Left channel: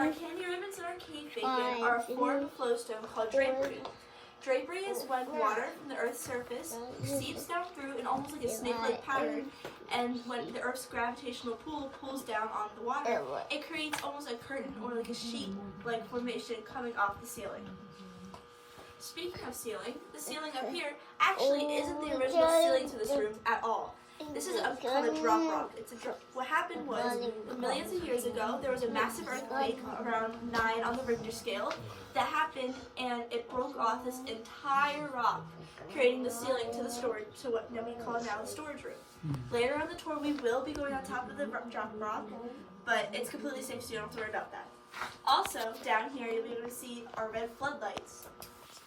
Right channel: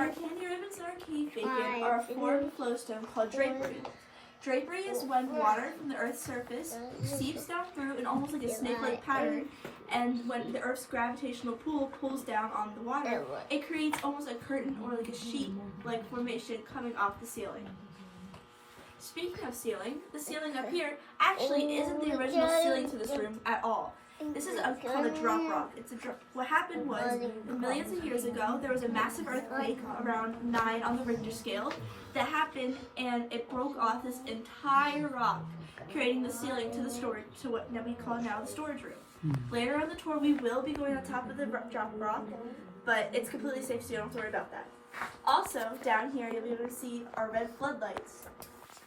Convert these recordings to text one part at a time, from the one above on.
our candy ribbons and our cake bacon are a form of flowstone called drapery. Drapery is when water from the Earth's surface seeps down through in almost like a snake-like pattern, and when the Earth's gravitational pull pulls down on the water, it creates almost a curtain or like a sheet-like formation coming off the ceiling. Speaking of ceiling, the ceiling up here actually isn't the original ceiling to this room at all. This is called a drop rock. What happened was, millions of years ago, there was a massive earthquake around 9 on the Richter scale that happened, and it broke off this entire rock, creating the ceiling to the storage, to what we call now the storage room. Later on the tour, we will be going on top of the drop rock, but it's completely safe, so you don't have to worry about that. Also, down here, you'll be able to see our red floodlights.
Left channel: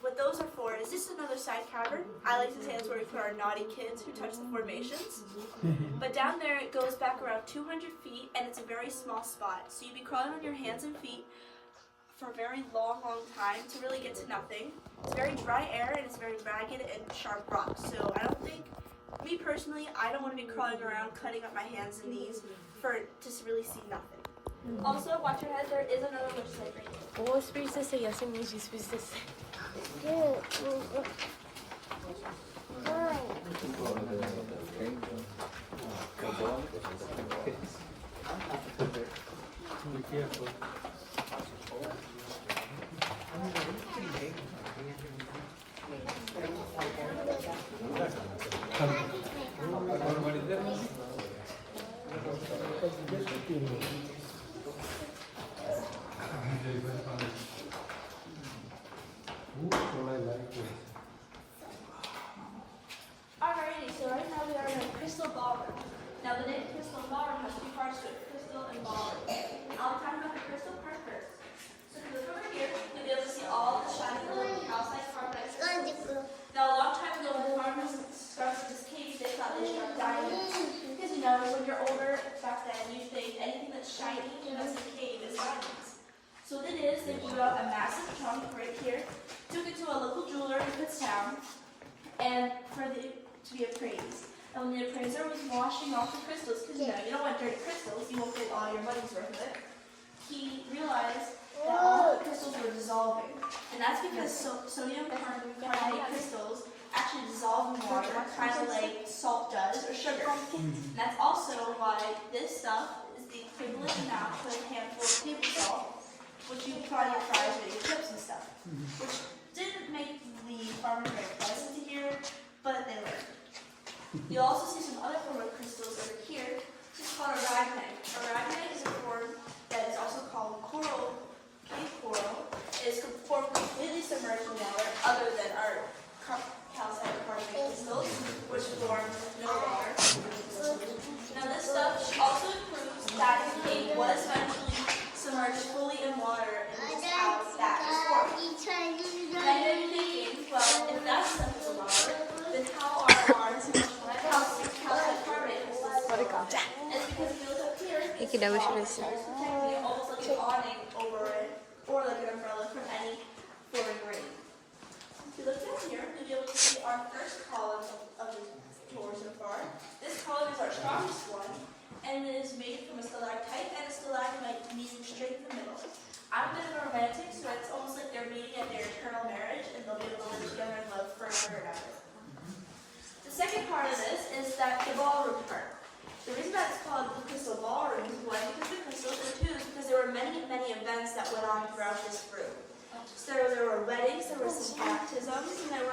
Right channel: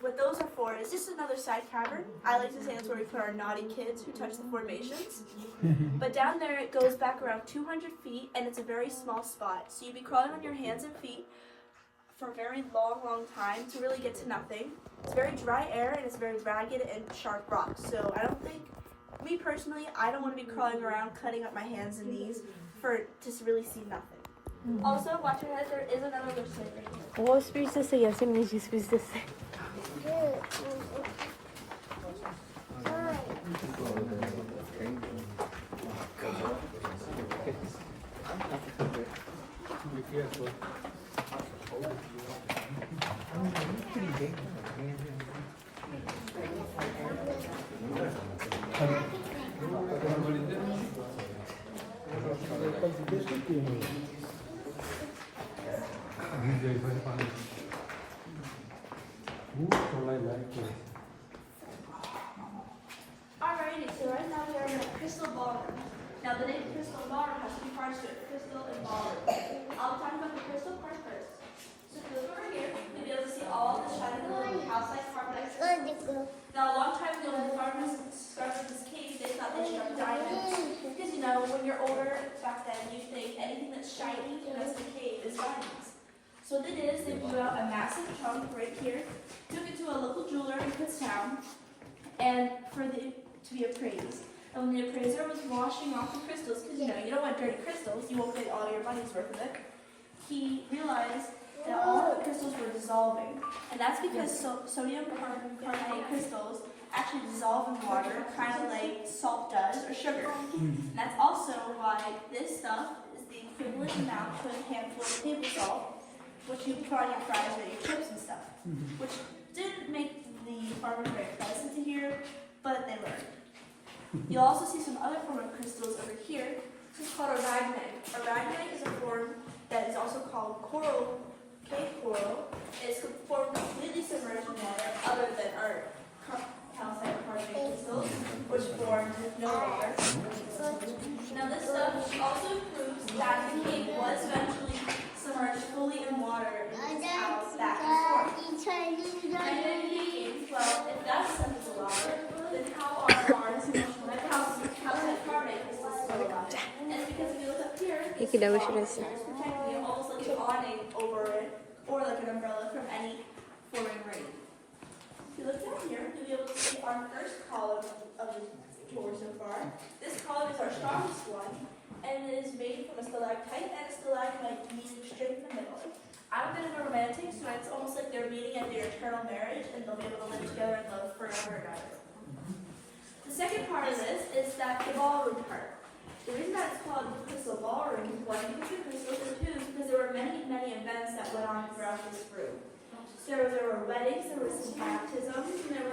What those are for is just another side cavern. I like to say that's where we put our naughty kids who touch the formations. But down there it goes back around 200 feet, and it's a very small spot. So you'd be crawling on your hands and feet for a very long time to really get to nothing. It's very dry air and it's very ragged and sharp rock. So I don't think, me personally, I don't want to be crawling around cutting up my hands and knees for to really see nothing. Also, watch your head, there is another wish site right here. What supposed to say? I said what you supposed to say. Be careful. Alrighty, so right now we're in a crystal ballroom. Now the name crystal ballroom has two parts to it, crystal and ballroom. I'll talk about the crystal part first. So if you look over here, you'll be able to see all the shiny little calcite carbonite crystals. Now a long time ago when the farmers constructed this cave, they thought they struck diamonds. Because you know, when you're older back then, you think anything that's shiny in this cave is diamonds. So what they did is they blew out a massive chunk right here, took it to a local jeweler in Kutztown, and to be appraised. And when the appraiser was washing off the crystals, because you know, you don't want dirty crystals, you won't get all your money's worth of it, he realized that all the crystals were dissolving. And that's because sodium carbonate crystals actually dissolve in water, kind of like salt does, or sugar. And that's also why this stuff is the equivalent amount to a handful of table salt, which you put on your fries or your chips and stuff. Which didn't make the farmers very pleasant to hear, but they learned. You'll also see some other form of crystals over here. This is called aragonite. Aragonite is a form that is also called coral, cave coral. It's a form completely submerged in water, other than our calcite carbonate crystals, which form with no water. Now this stuff also proves that the cave was eventually submerged fully in water, and this is how that was formed. Many thinking, well, if that stuff is a water, then how are ours calcite carbonate crystals formed? And it's because if you look up here, it's protecting you almost like an awning over it, or like an umbrella from any pouring rain. If you look down here, you'll be able to see our first column of the tour so far. This column is our strongest one, and it is made from a stalactite and a stalagmite meeting straight in the middle. I'm a bit of a romantic, so it's almost like they're meeting at their eternal marriage, and they'll be able to live together and love forever and ever. The second part of this is that the ballroom part. The reason that it's called the crystal ballroom is one, because the crystals, or two, because there were many events that went on throughout this room. So there were weddings, there were some baptisms, and there